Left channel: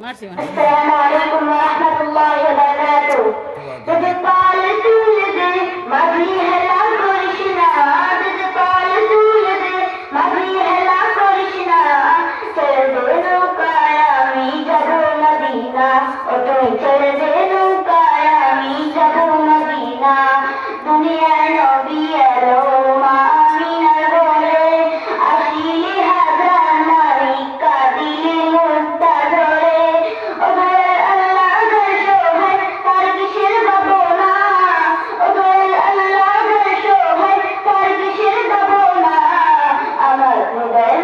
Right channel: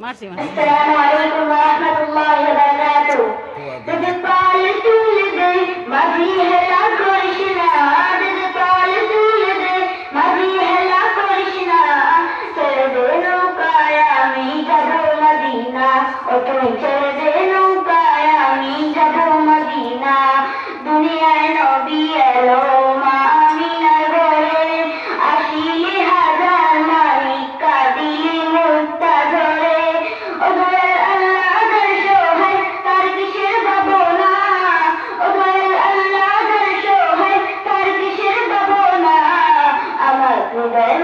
মারছি আসসালামু আলাইকুম ওয়া রাহমাতুল্লাহি ওয়া বারাকাতুহু যদি পাল তুলে দে মাঝি হেলা করিস না যদি পাল তুলে দে মাঝি হেলা করিস না ছেড়ে দে নৌকায় আমি যাব মদিনা ও তুই ছেড়ে দে নৌকায় আমি যাব মদিনা দুনিয়ায় নবী এলো মা আমিনার ঘরে আসিলি হাজার মালিক কাঁদিলি মুক্তা ধরে ও দয়াল আল্লাহ ঘর শোভে তার কিসের ভাবনা ও দয়াল আল্লাহ ঘর শোভে তার কিসের ভাবনা আমার হৃদয়